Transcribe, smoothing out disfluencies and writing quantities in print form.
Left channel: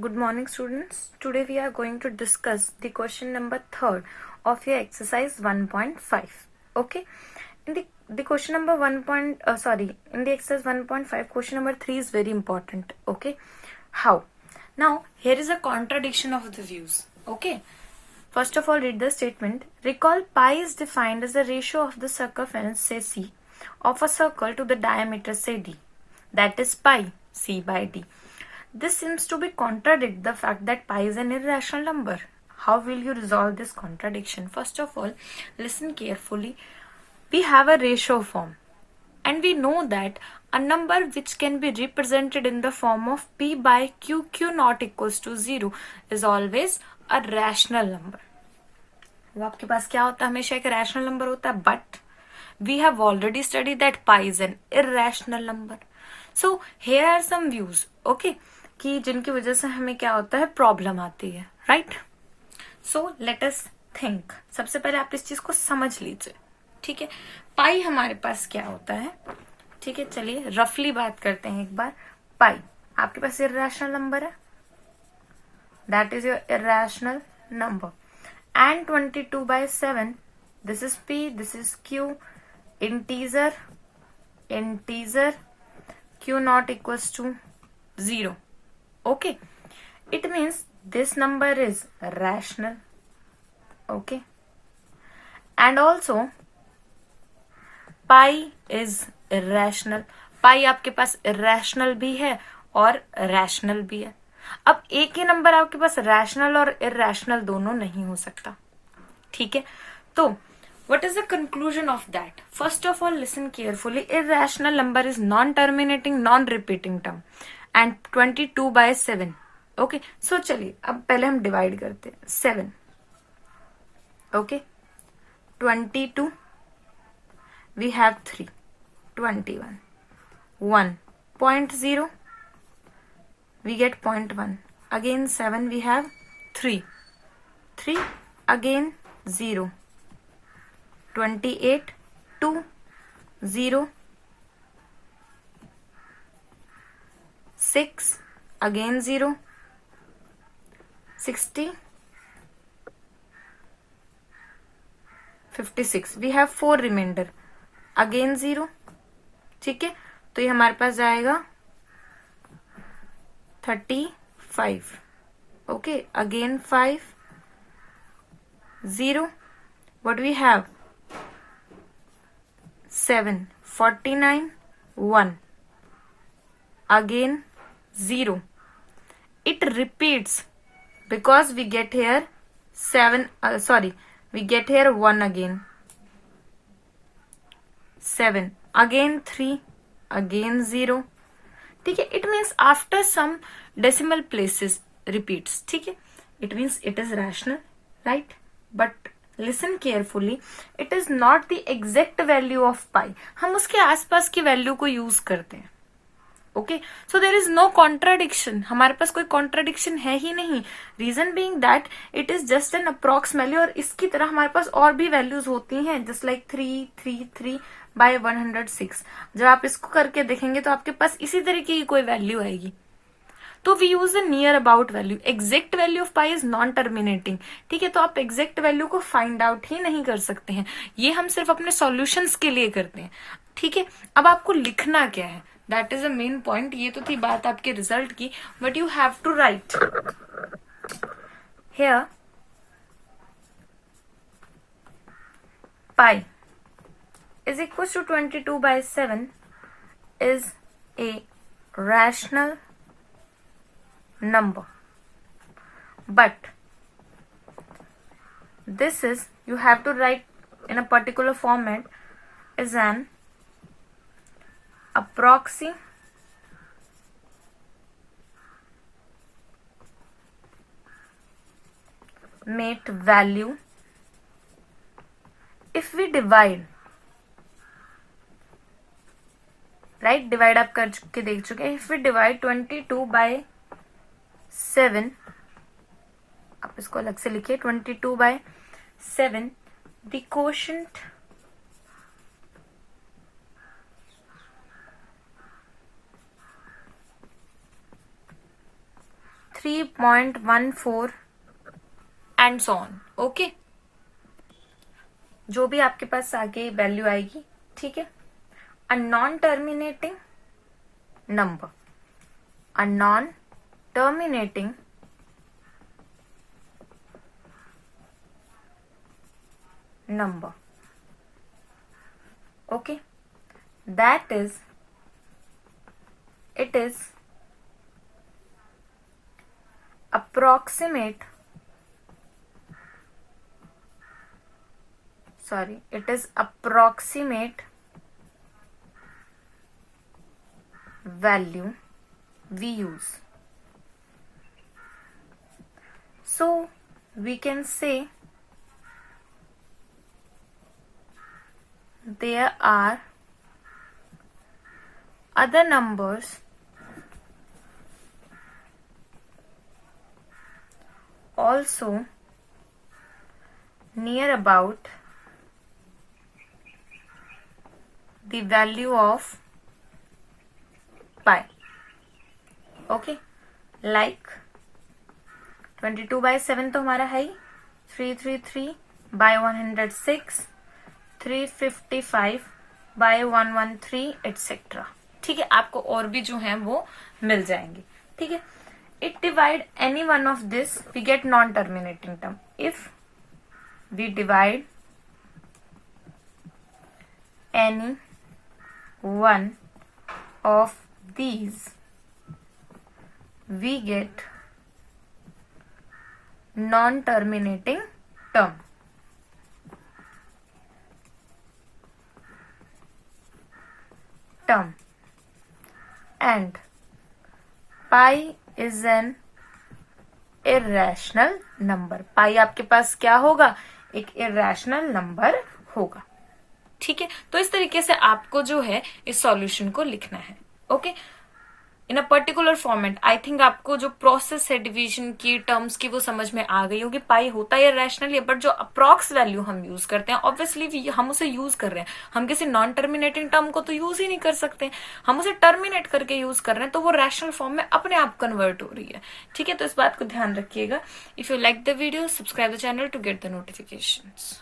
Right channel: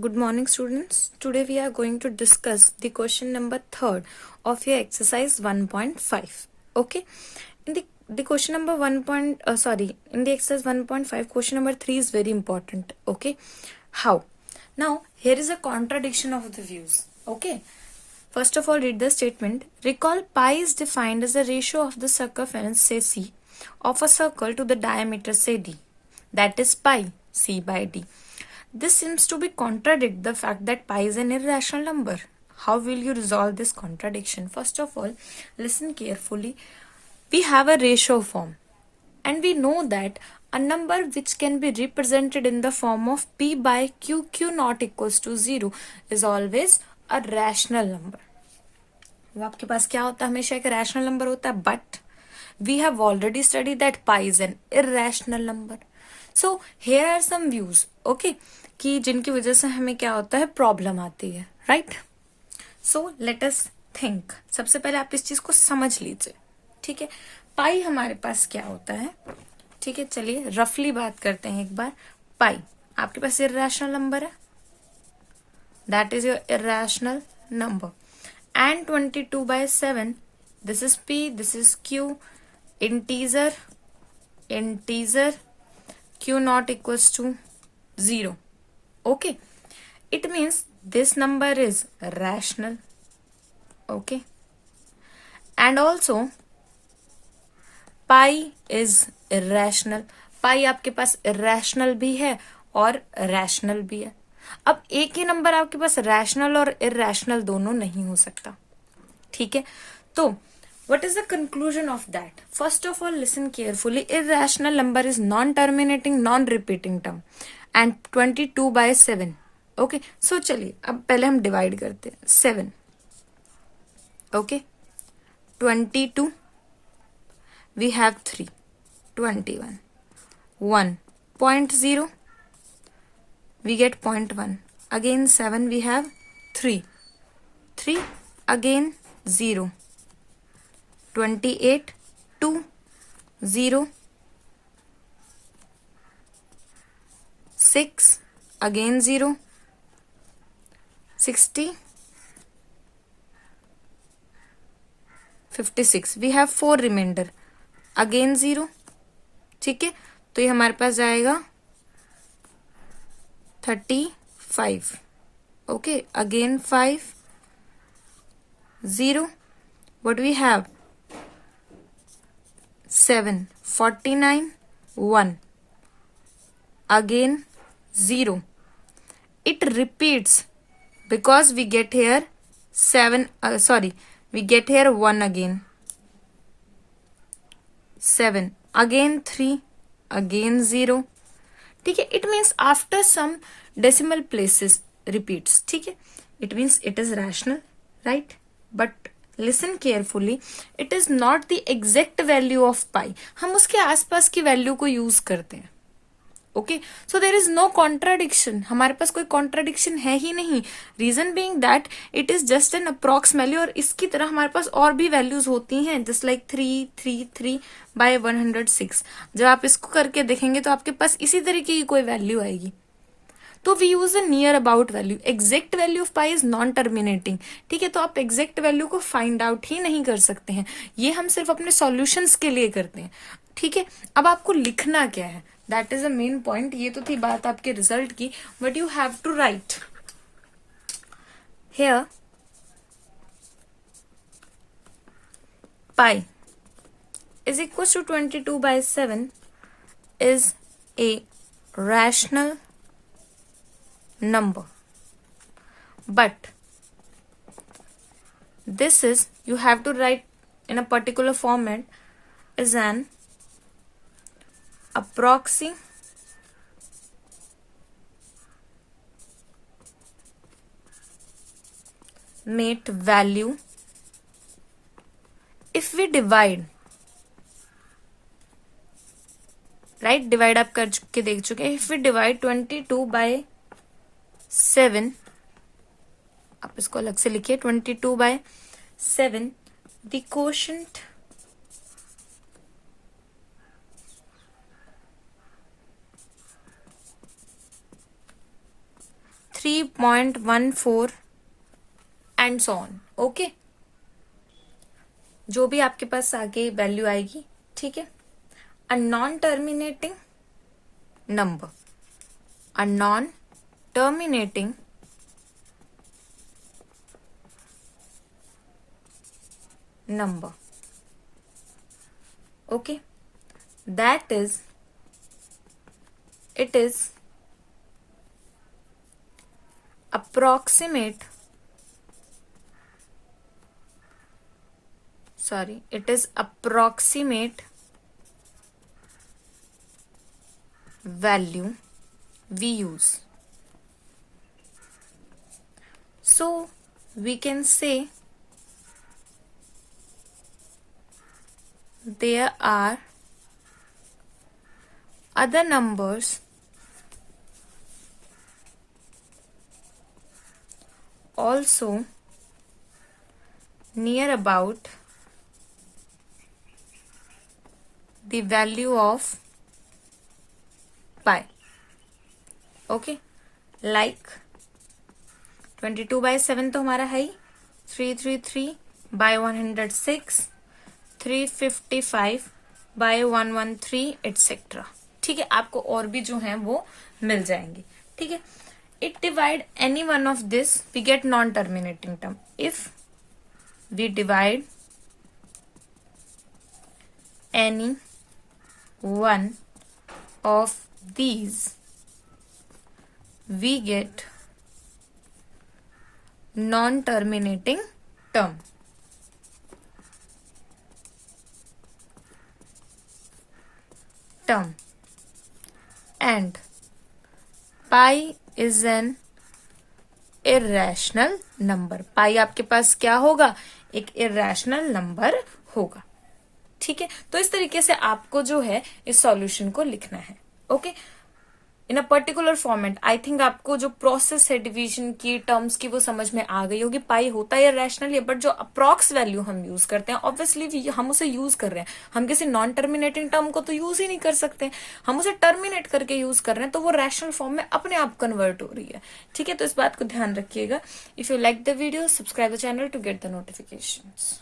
Good morning, students. Today we are going to discuss the question number 3rd of your exercise 1.5. Okay. In the question number in the exercise 1.5, question number 3 is very important. Okay. How? Now, here is a contradiction of the views. Okay. First of all, read the statement. Recall pi is defined as the ratio of the circumference, say c, of a circle to the diameter, say d. That is pi, c by d. This seems to be contradict the fact that pi is an irrational number. How will you resolve this contradiction? First of all, listen carefully. We have a ratio form, and we know that a number which can be represented in the form of p by q not equals to 0 is always a rational number. वो आपके पास क्या होता है? हमेशा एक rational number होता है, but we have already study that pi is an irrational number. So here are some views, okay, कि जिनकी वजह से हमें क्या होता है, प्रॉब्लम आती है, right? So let us think. सबसे पहले आप इस चीज को समझ लीजिए, ठीक है? पाई हमारे पास क्या होता है, ठीक है? चलिए रफली बात करते हैं एक बार. पाई आपके पास इरेशनल नंबर है, that is your irrational number. And 22 by 7, this is p, this is q, integer, q not equals to 0. Okay, it means this number is rational. Okay, and also pi is irrational. pi आपके पास irrational भी है और rational भी है. अब एक ही नंबर आपके पास रैशनल और इरेशनल दोनों नहीं हो सकता, ठीक है? तो what is the conclusion of that? First of all, listen carefully. Irrational number is non-terminating, non-repeating term, and 22 by 7. Okay, so चलिए अब पहले हम डिवाइड करते हैं. 7, okay, 22, we have 3, 21, 1.0, we get 0.1. Again 7, we have 3, again 0, 28, 2, 0, 6, again 0, 60, 56. We have 4 remainder, again 0. ठीक है, तो ये हमारे पास जाएगा 35. Okay, again 5, 0. What we have? 7, 49, 1. Again 0. It repeats because we get here 7, we get here 1 again. 7, again 3, again 0. ठीक है, it means after some decimal places repeats. ठीक है, it means it is rational, right? But listen carefully, it is not the exact value of pi. हम उसके आसपास की value को use करते हैं. Okay, so there is no contradiction. हमारे पास कोई कॉन्ट्राडिक्शन है ही नहीं. Reason being that it is just an approx value, और इसकी तरह हमारे पास और भी वैल्यूज होती हैं, जस्ट लाइक 3 बाय 106. जब आप इसको करके देखेंगे तो आपके पास इसी तरीके की कोई वैल्यू आएगी. तो we use a near about value. Exact value of pi is non terminating. ठीक है, तो आप एग्जैक्ट वैल्यू को फाइंड आउट ही नहीं कर सकते हैं. ये हम सिर्फ अपने सॉल्यूशंस के लिए करते हैं. ठीक है, अब आपको लिखना क्या है, that is a main point. ये तो थी बात आपके रिजल्ट की, but you have to write here pi is equals to 22 by 7 is a rational number. But this is, you have to write in a particular format, is an approximate value if we divide, right? Divide आप कर चुके, देख चुके. If we divide 22 by 7, आप इसको अलग से लिखिए. 22 by 7, the quotient 3.14 and so on. Okay, जो भी आपके पास आगे वैल्यू आएगी, ठीक है। A non terminating number, a non terminating number, okay, that is, it is approximate, it is approximate value we use. So we can say there are other numbers also near about the value of pi. Okay, like 22/7 तो हमारा है ही, 333/106, 355/113 एटसेट्रा। ठीक है, आपको और भी जो है वो मिल जाएंगे। ठीक है, it divide any one of this we get non terminating term. If we divide any one of these we get non-terminating term. And pi is an irrational number. pi आपके पास क्या होगा, एक irrational number होगा। ठीक है, तो इस तरीके से आपको जो है इस सॉल्यूशन को लिखना है। ओके, इन a particular format. I think आपको जो प्रोसेस है डिवीजन की, टर्म्स की, वो समझ में आ गई होगी। पाई होता है रैशनल है, बट जो अप्रॉक्स वैल्यू हम यूज करते हैं, ऑब्वियसली हम उसे यूज कर रहे हैं, हम किसी नॉन टर्मिनेटिंग टर्म को तो यूज ही नहीं कर सकते, हम उसे टर्मिनेट करके यूज कर रहे हैं, तो वो रैशनल फॉर्म में अपने आप कन्वर्ट हो रही है। ठीक है, तो इस बात को ध्यान रखिएगा। If you like the video, subscribe the channel to get the notifications.